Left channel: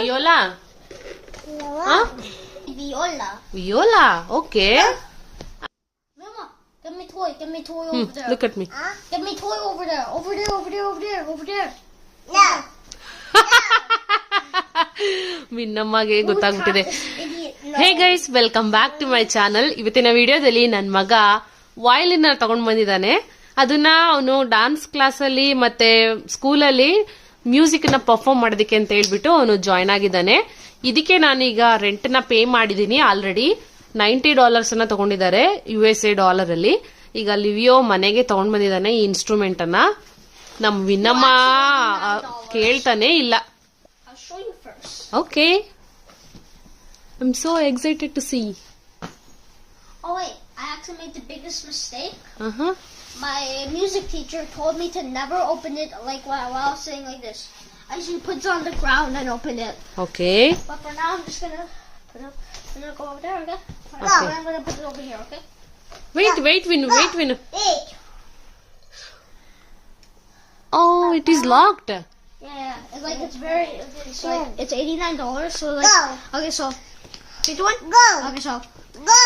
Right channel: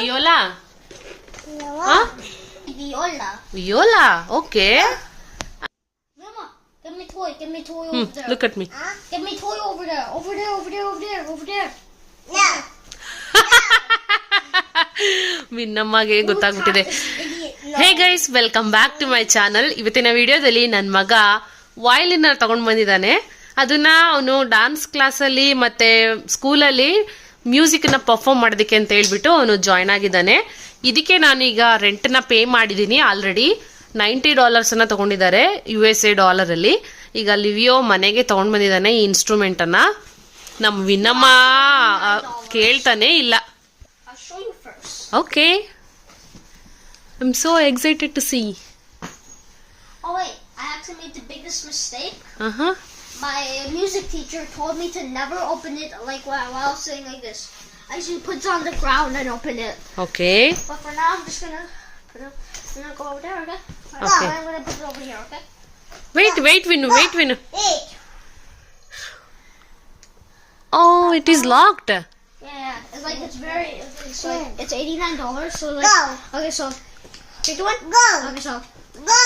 Viola? Huh? Viola. Viola. Okay. Mama, get me toy. Get me toy over there. Look at me. Get me toy over there. Over there. Over there. Over there. Over there. No. ಮಿನ್ನಮ್ಮಗೆ ಗೊತ್ತಾಗ್ಬಿಟ್ಟಿದೆ. Hey guys, welcome back to my channel. ಇವತ್ತಿನ ವಿಡಿಯೋದಲ್ಲಿ ನನ್ನ ಮಗ violin ತಗೊಂಡ್ ಬಂದಿದ್ದಾನೆ. ಅದನ್ನ ಅವನು ಡಾನ್ಸ್ ಕ್ಲಾಸಲ್ಲಿ ಮತ್ತೆ ಸ್ಕೂಲಲ್ಲಿ ಮ್ಯೂಸಿಕ್ ನ ಪರ್ಫಾರ್ಮ್ ಮಾಡೋದಕ್ಕೆ ಅಂತ ಹೇಳ್ಬಿಟ್ಟು ಅವನು ಜಾಯ್ನ್ ಆಗಿದ್ದಾನೆ. ಇದಕ್ಕೆ ನಾನೀಗ ರೆಂಟ್ ನ ಪೇ ಮಾಡಿದೀನಿ. ಆಲ್ರೆಡಿ $90 ಅನ್ನ ತಗೊಂಡಿದ್ದಾರೆ USA ಡಾಲರ್. ಈಗ ಲಿವಿಯೋ ಮನೆಗೆ ತಗೊಂಡ್ ಬಂದಿದ್ದಾನೆ ಈ ಇನ್ಸ್ಟ್ರೂಮೆಂಟ್ ಅನ್ನ. ನಮ್ ವಿನ್ನಮ್ಮ ಕೇಳ್ತಾನೆ ಇಲ್ಲ. Okay. I'm so excited to see. Oh wait, I actually made the biggest mistake. Uh-huh. My music teacher told me to never open it like while I was sitting like this. I usually put it on the ground and open it. Okay. But for now, I'm just gonna go over there, okay? Okay. I'm gonna put it over here, okay? Wait, Vinu. Hey. Oh, it is locked. Yeah, it's like it's $89. So like, okay, so you do one. Go. Okay, so Go.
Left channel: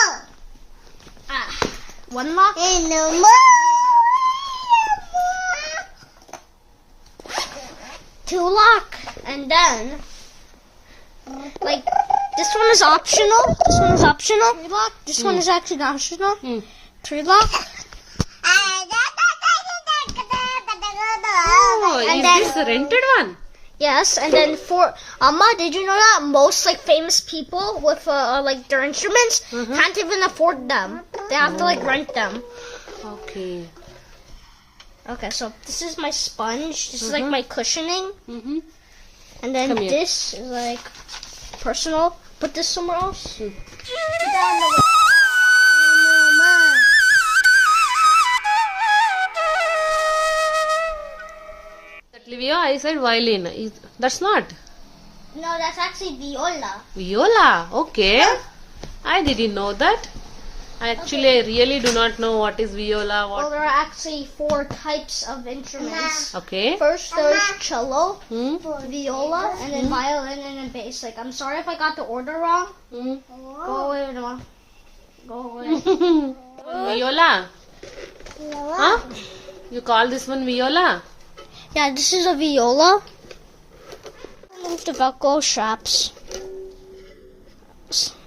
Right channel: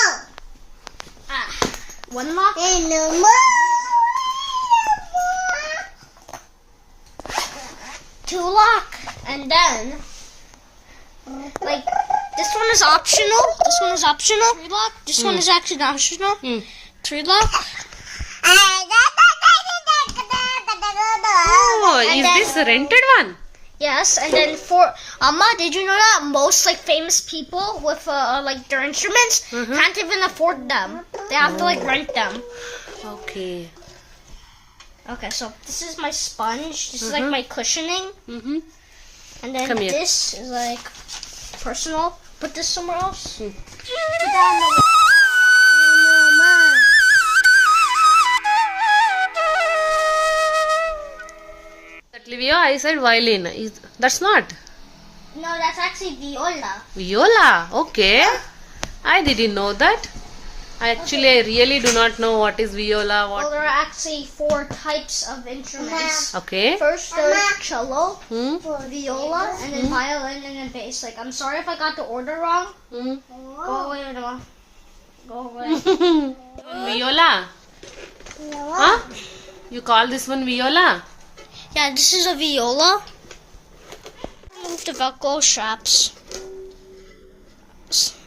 one lock. Hey, no more. Two lock, and then like this one is optional. This one is optional. Three lock. This one is actually optional. Three lock. Oh, is this a rented one? Yes, and then four. Amma, did you know that most like famous people with like their instruments can't even afford them? They have to like rent them. Okay. Okay, so this is my sponge. This is like my cushioning. Mm-hmm. And then Come here. this is like personal. Put this somewhere else. That Livio, I said violin. That's not. No, that's actually viola. Viola. Okay. I didn't know that. I really do not know what is viola. Well, What? there are actually 4 types of instruments. Okay. First, there's cello, Hmm. viola, and then violin, and then bass. Like, I'm sorry if I got the order wrong. Hmm. Go away, no. Go away. Viola. Huh? You call this one viola? Yeah, this is a viola. Remove the Velcro straps.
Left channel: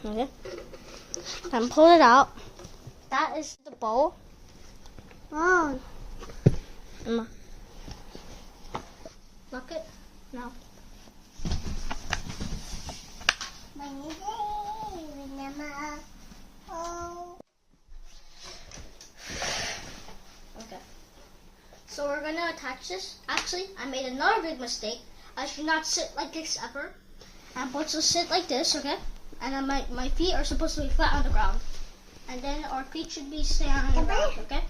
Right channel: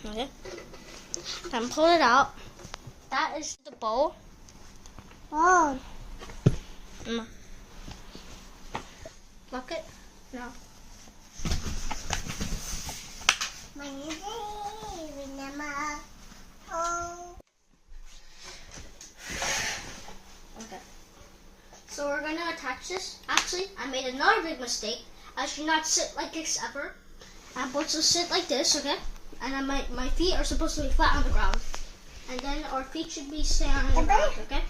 Okay. Then pull it out. That is the bow. Oh. Look it. No. Okay. So we're gonna attach this. Actually, I made another big mistake. I should not sit like this ever. I'm supposed to sit like this, okay? And then my feet are supposed to be flat on the ground. And then our feet should be staying on the ground, okay?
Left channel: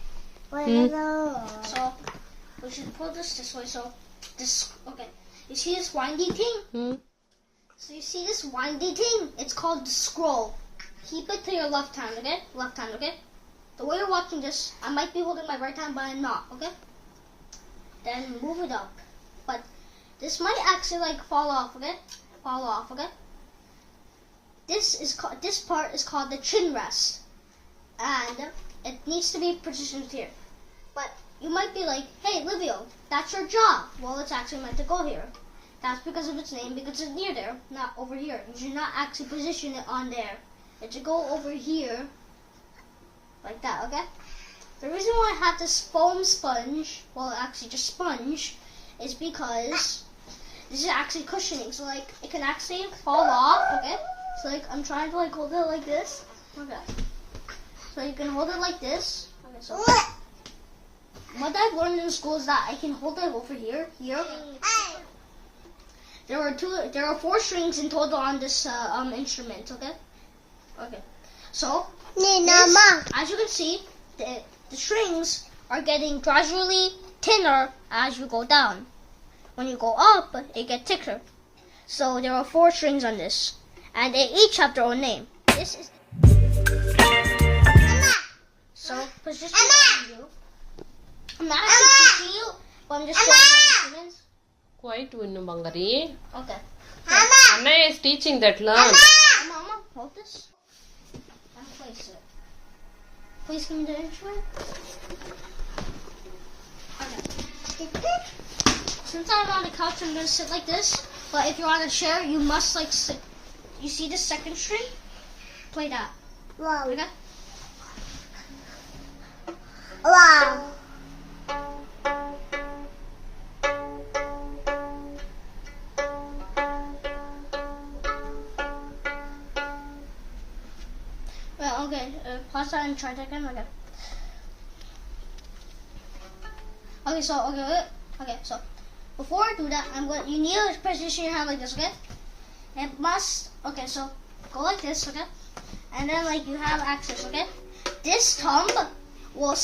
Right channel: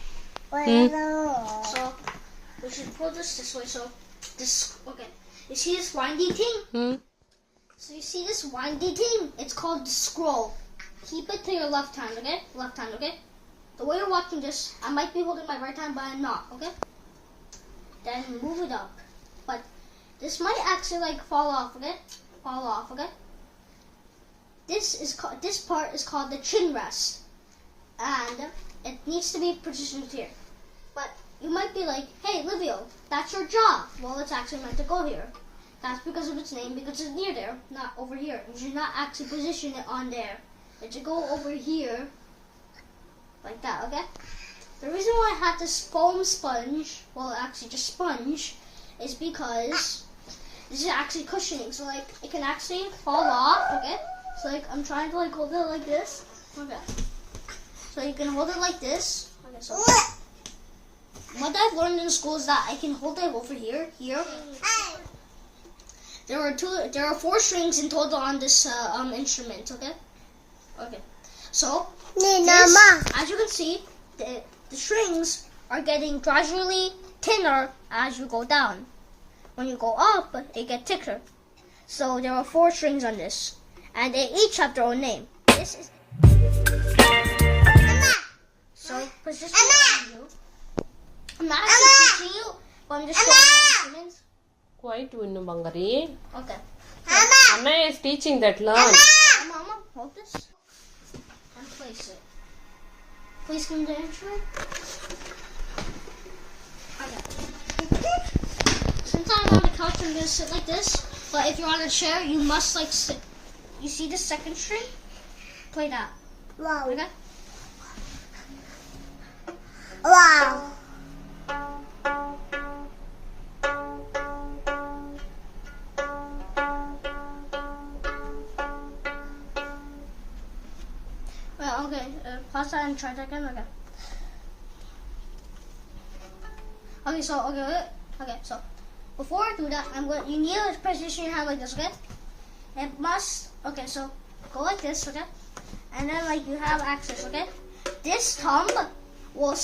So we should pull this way. So this, okay. You see this windy thing? So you see this windy thing? It's called the scroll. Keep it to your left hand, okay? Left hand, okay? The way you're watching this, I might be holding my right hand, but I'm not, okay? Then move it up. But this might actually like fall off, okay? Fall off, okay? This part is called the chin rest. And it needs to be positioned here. But you might be like, hey, Livio, that's your job. Well, it's actually meant to go here. That's because of its name, because it's near there, not over here. You should not actually position it on there. It should go over here, like that, okay? The reason why I have this foam sponge, well, actually just sponge, is because this is actually cushioning. So, like, it can actually fall off, okay? So, like, I'm trying to, like, hold it like this. Okay. So, you can hold it like this. Okay, so what I've learned in school is that I can hold it over here, here. There are 4 strings in total on this instrument, okay? Okay. So, this, as you can see, the strings are getting gradually thinner as you go down. When you go up, it gets thicker. So there are 4 strings on this, and they each have their own name. This is. So position you. I'm not actually teaching you, but I'm just showing you instruments. Quite Vinu Bangari. Okay. Anna is teaching that. Learn. Mama, hold this and place it. Please give me the instrument. Okay. Since I'm on the couch, I'm gonna sit like this. But if you're on a chair, you must like sit. You see the second string? Play that. Wow. Okay. Wow. Well, okay. Pause that and try that again. Okay. Okay. So okay. So before I do that, you need to position your hand like this. Okay. It must. Okay. So go like this. Okay. And then like you have access. Okay. This thumb will